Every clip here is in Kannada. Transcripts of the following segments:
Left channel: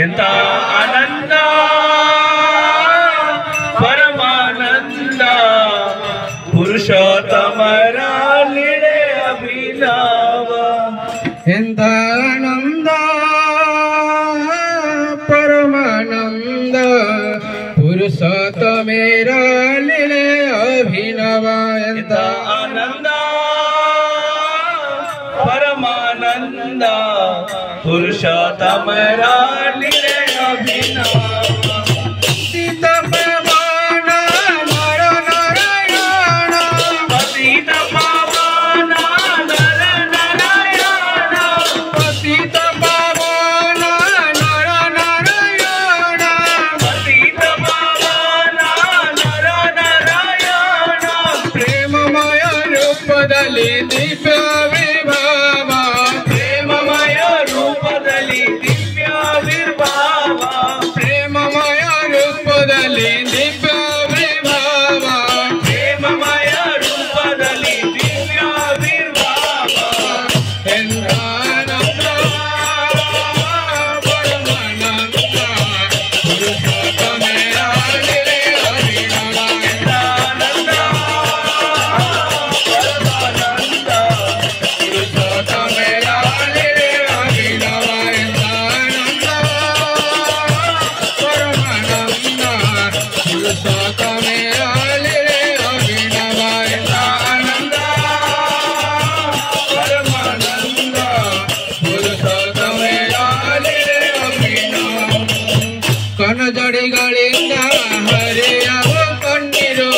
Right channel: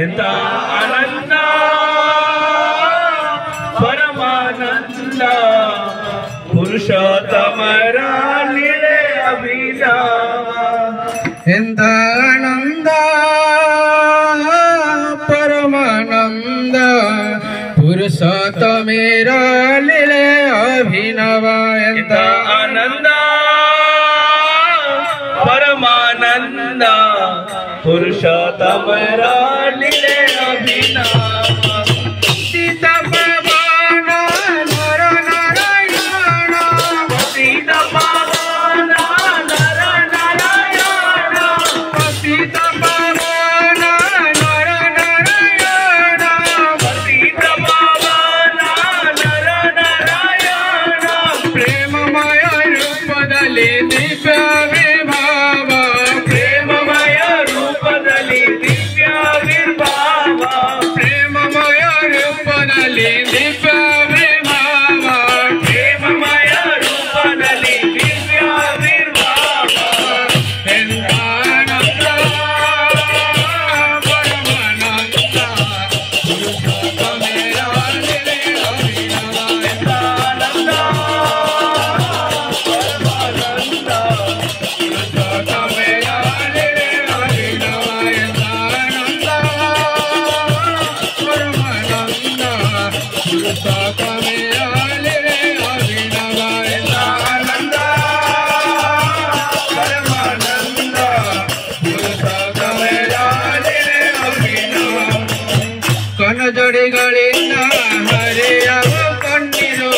ಎಂತ ಆನಂದ ಪರಮಾನಂದ ಪುರುಷೋತ್ತಮರ ಲೀಲೆ ಅಭಿನವ ಎಂತ ಆನಂದ ಪರಮಾನಂದ ಪುರುಷೋತ್ತಮರ ಲೀಲೆ ಅಭಿನವ ಎಂತ ಆನಂದ ಪರಮಾನಂದ ಪುರುಷೋತ್ತಮರ ಲೀಲೆ ಅಭಿನವ ಸೀತ ಪವನ ನರ ನಾರಾಯಣ ಸೀತ ಪವನ ನರ ನಾರಾಯಣ ಸೀತ ಪವನ ನರ ನಾರಾಯಣ ಸೀತ ಪವನ ನರ ನಾರಾಯಣ ಪ್ರೇಮಮಯ ರೂಪದಲ್ಲಿ ದಿವ್ಯ ವಿಭಾವ ಪ್ರೇಮಮಯ ರೂಪದಲ್ಲಿ ದಿವ್ಯ ವಿರ್ಭಾವ ಪ್ರೇಮಮಯ ರೂಪದಲ್ಲಿ ದಿವ್ಯ ವಿಭಾವ ಪ್ರೇಮಮಯ ರೂಪದಲ್ಲಿ ದಿವ್ಯ ವಿರ್ಭಾವ ಎಂದಾನಂದ ಪರಮಾನಂದ ಪುರುಷೋತ್ತಮರ ಲೀಲೆ ಅಭಿನವ ಆನಂದ ಪರಮಾನಂದ ಪುರುಷೋತ್ತಮರ ಲೀಲೆ ಅಭಿನವ ಎಂದಾನಂದ ಪರಮಾನಂದ ಪುರುಷೋತ್ತಮರ ಲೀಲೆ ಅಭಿನವ ಎಂದಾನಂದ ಪರಮಾನಂದ ಪುರುಷೋತ್ತಮರ ಲೀಲೆ ಅಭಿನವ ಕನಜಡಿಗಳಿಂದ ಹರಿಯಲು ಕಣ್ಣೀರು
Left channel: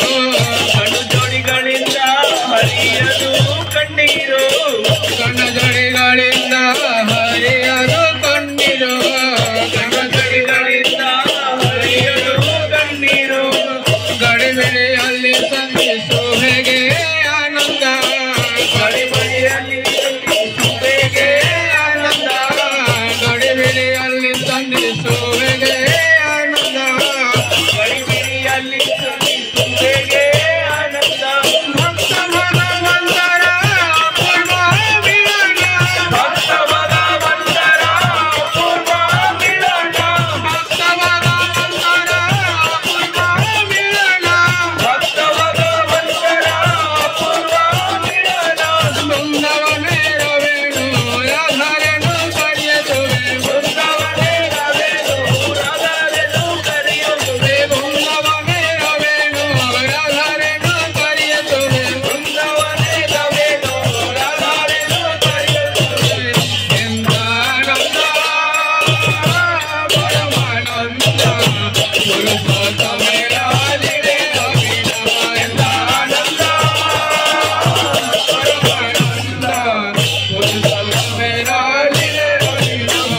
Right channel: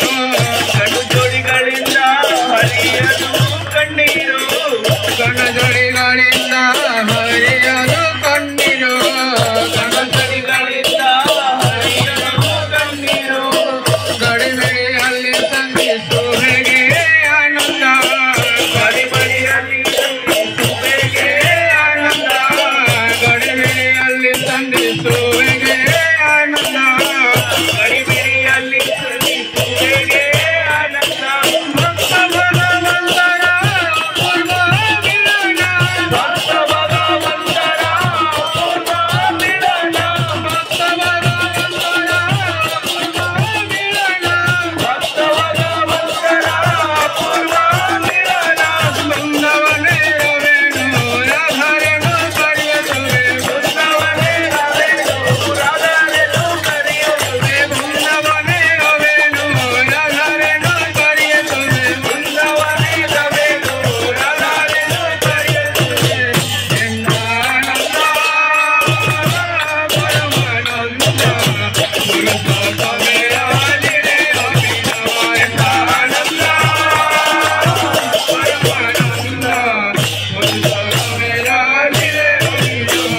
ಕಣ್ಣುಜೋಡಿಗಳಿಂದ ಹರಿಯದು ಕಣ್ಣೀರು ಕನಜಡಿಗಳಿಂದ ಹರಿಯಲು ಕಣ್ಣೀರು ಕಣ್ಣುಜೋಡಿಗಳಿಂದ ಹರಿಯದು ಕಣ್ಣೀರು ಗಡಿಮೆಯಲ್ಲಿ ತಂದಿಸು ಹೇಗೆ ಆನಂದ ಗಡಿಬಿಡಿಯಲ್ಲಿ ಸುಖಕ್ಕೆ ಆನಂದ ಗಡಿಮೆಯಲ್ಲಿ ತಂದಿಸು ಹೇಗೆ ಆನಂದ ಗಡಿಬಿಡಿಯಲ್ಲಿ ಸುಖಕ್ಕೆ ಆನಂದ ಭಕ್ತ ಭಗವಂತರ ಅಪೂರ್ವ ಮಿಲನ ಭಕ್ತ ಭಗವಂತರ ಅಪೂರ್ವ ಮಿಲನ ಭಕ್ತ ಭಗವಂತರ ಅಪೂರ್ವ ಮಿಲನ ಭಕ್ತ ಭಗವಂತರ ಅಪೂರ್ವ ಮಿಲನ ಬೃಂದವನೇ ರವೇಣು ರಾಧರೆನು ಕರೆಯುತ್ತುವೆ ಬೃಂದವನೇ ರವೇಣು ರಾಧರೆನು ಕರೆಯುತ್ತುವೆ ಬೃಂದವನೇ ರವೇಣು ರಾಧರೆನು ಕರೆಯುತ್ತುವೆ ಬೃಂದವನೇ ರವೇಣು ರಾಧರೆನು ಕರೆಯುತ್ತುವೆ ಎಂದಾನಂದ ಪರಮಾನಂದ ಪುರುಷೋತ್ತಮರ ಲೀಲೆ ಅಭಿನವ ಎಂದಾನಂದ ಪರಮಾನಂದ ಪುರುಷೋತ್ತಮರ ಲೀಲೆ ಅಭಿನವ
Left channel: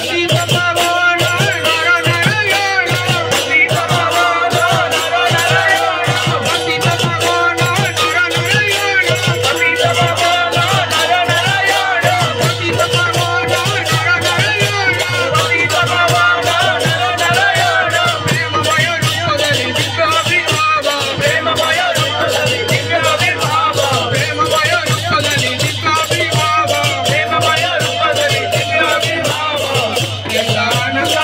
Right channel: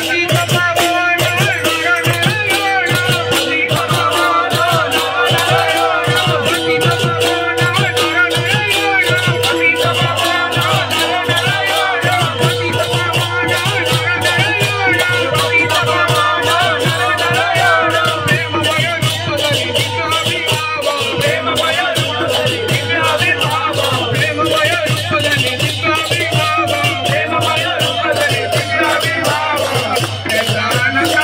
ಸೀತ ಪವನ ನರ ನಾರಾಯಣ ಸೀತ ಪವನ ನರ ನಾರಾಯಣ ಸೀತ ಪವನ ನರ ನಾರಾಯಣ ಸೀತ ಪವನ ನರ ನಾರಾಯಣ ಸೀತ ಪವನ ನರ ನಾರಾಯಣ ಸೀತ ಪವನ ನರ ನಾರಾಯಣ ಪ್ರೇಮಮಯ ರೂಪದಲ್ಲಿ ದಿವ್ಯ ವಿಭಾವ ಪ್ರೇಮಮಯ ರೂಪದಲ್ಲಿ ದಿವ್ಯ ವಿರ್ಭಾವ ಪ್ರೇಮಮಯ ರೂಪದಲ್ಲಿ ದಿವ್ಯ ವಿಭಾವ ಪ್ರೇಮಮಯ ರೂಪದಲ್ಲಿ ದಿವ್ಯ ವಿರ್ಭಾವ ಎಂದಾನಂದ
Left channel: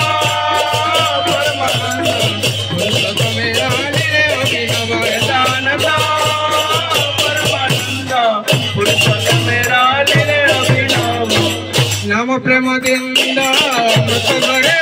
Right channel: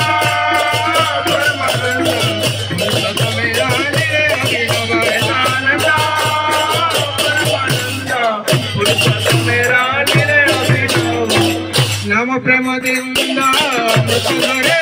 ಪರಮಾನಂದ ಪುರುಷೋತ್ತಮರ ಲೀಲೆ ಅಭಿನವ ಆನಂದ ಪರಮಾನಂದ ಪುರುಷೋತ್ತಮರ ಲೀಲೆ ಅಭಿನವ ನಮ್ಮ ಪ್ರೇಮದಿಂದ ಮುಖಧರೆ